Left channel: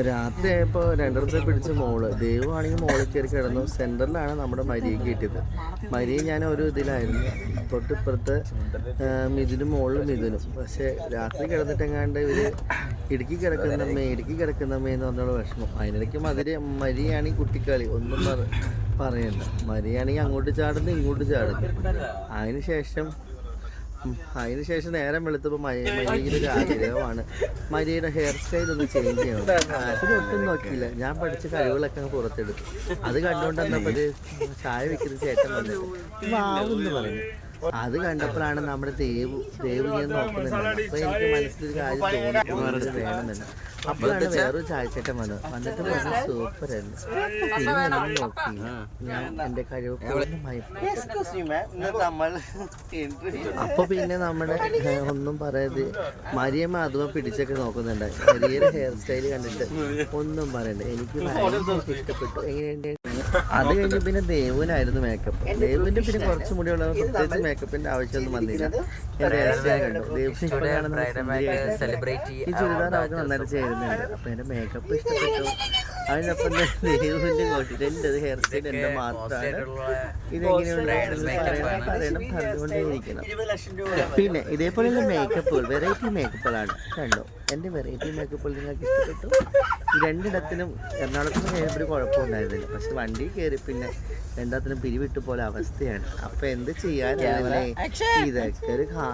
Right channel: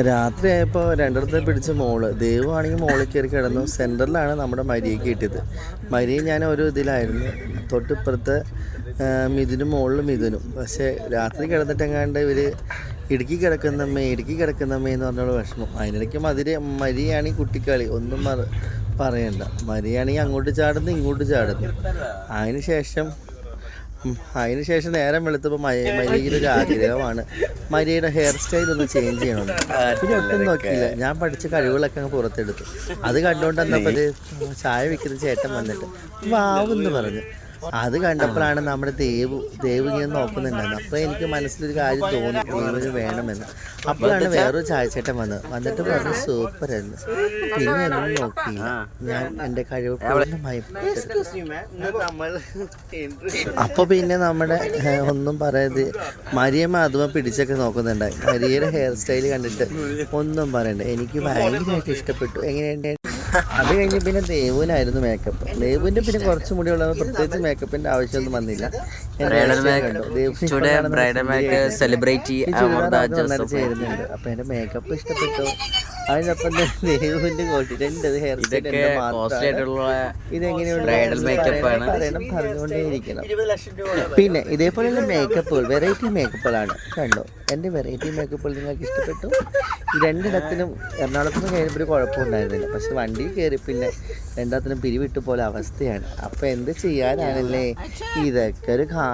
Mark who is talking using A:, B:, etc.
A: രാത്രി ആയപ്പോൾ രണ്ടിടത്തെ പിടിച്ച മോൾ. ദൈവമാണെങ്കിൽ മോളിൽ കയറി കിടന്നു. സെന്ററിലാണ് നമ്മുടെ മരിയെ കിട്ടിയത്. മരിയെ ഞാൻ ഒരു ഇതിലായിരുന്നു. തൊട്ടിപ്പുറത്ത് മിഥുനും മോളിലും മിഥുനും. പക്ഷേ രാത്രി കിടന്നിട്ടെങ്ങാണ്ട് ഇവർ ഇടുക്കി കിടക്കുന്നമ്മേ ഇടുക്കി കിടക്കുന്നമ്മേ എന്ന് പറഞ്ഞോളൂ വിഷമം. അതിനിടയ്ക്ക് മതിരി മരിയാണെങ്കിൽ കുട്ടിക്കളി. ഒന്നും പറ പറയണ്ട. മരിയാണെങ്കിൽ അങ്ങോട്ട് ചാടുന്നു ഇങ്ങോട്ട് ചാടുന്നു. അതിന് ശേഷം ഉം, അതിന് ശേഷം നേരം വെളുത്തപ്പോൾ മരിയയുടെ ഒരു ആഗ്രഹമാണ്. മരിയയുടെ ഹെയർ സ്റ്റൈൽ ഒന്ന് ചേഞ്ച് ചെയ്യണം. പിന്നെ ഒട്ടും നോക്കിയില്ല. ഞാൻ പഠിച്ച കഴിവുകളൊക്കെ അങ്ങ് പുറത്തെടുത്തു. അത് കണ്ടുകൊണ്ട് തന്നെ ചായ വിൽക്കുന്ന ചേട്ടൻ വന്നിട്ട് വാവെന്ന് പറഞ്ഞു. അത് കണ്ടപ്പോഴാണ് നമ്മുടെ ദേവു ദേവ് ഇങ്ങനെ നോക്കുന്നുണ്ടെന്ന്. അപ്പോൾ എനിക്ക് മനസ്സിലൊരു കാര്യം തോന്നി വേണമെന്ന്. അപ്പോഴാണ് വേറൊരു ചായച്ചേട്ടൻ വന്നത് വന്നിട്ട് പറഞ്ഞു സൂപ്പർ ആയിരുന്നു പിന്നെ എന്നെ നോക്കി. ഞാൻ എന്റെ കഴിവ് അപ്പൊ പിന്നെ നമ്മുടെ ഒന്നും പറയാതെ മരിയമ്മ അതുമ പിടിച്ചൊക്കെ നോക്കുന്നുണ്ടായി മരിയയുടെ ഹെയർ സ്റ്റൈൽ കണ്ടിട്ട് ഒന്നും പറയണ്ട. എനിക്ക് ഭയങ്കരമായിട്ട് ഇഷ്ടപ്പെട്ടു. എങ്ങനെയുണ്ട്? അത് കഴിഞ്ഞ് പിന്നെ ദേവുനായിരുന്നു മേക്കപ്പ് ദേവുവിന്റെ പിന്നെ കുറച്ച് മുടി ഉള്ള പ്രത്യേകിച്ച് മേക്കപ്പിന്റെ ആവശ്യമൊന്നും വന്നില്ല. കാണുന്ന
B: സെലിബ്രേറ്റ്
A: നന്നായിട്ട് ചേരുന്നുണ്ട്. അപ്പൊ എന്റെ മേക്കപ്പ് ഇഷ്ടപ്പെട്ടു. അതിനൊപ്പം ഹെയർ സ്റ്റൈൽ എന്റെ മാത്രമാണ്. ഇതെങ്ങനെയുണ്ട് പറയണം പറയണം പറഞ്ഞുകൊണ്ടേയിരിക്കണം. പിന്നെ ഇതേപോലെയുള്ള മേക്കപ്പുകൾ വെറൈറ്റി മേക്കപ്പുകളാണ് കണ്ടോ? എന്റെ വെറൈറ്റി മേക്കപ്പുകൾ നിങ്ങൾക്ക് ഇഷ്ടപ്പെട്ടു? രണ്ടിടത്തിനും എറണാകുളത്തിന് കയറിയപ്പോൾ ഒരു കുഴപ്പമുണ്ടായിരുന്നില്ല. പക്ഷെ വണ്ടി കയറി പിന്നെ രണ്ടാത്തിനും പിരിവിട്ട് പോലെ അവസ്ഥയാണ്. അപ്പോൾ എന്ത് ചെയ്യാനാണല്ലേ ഇതൊക്കെ ഒരു കാ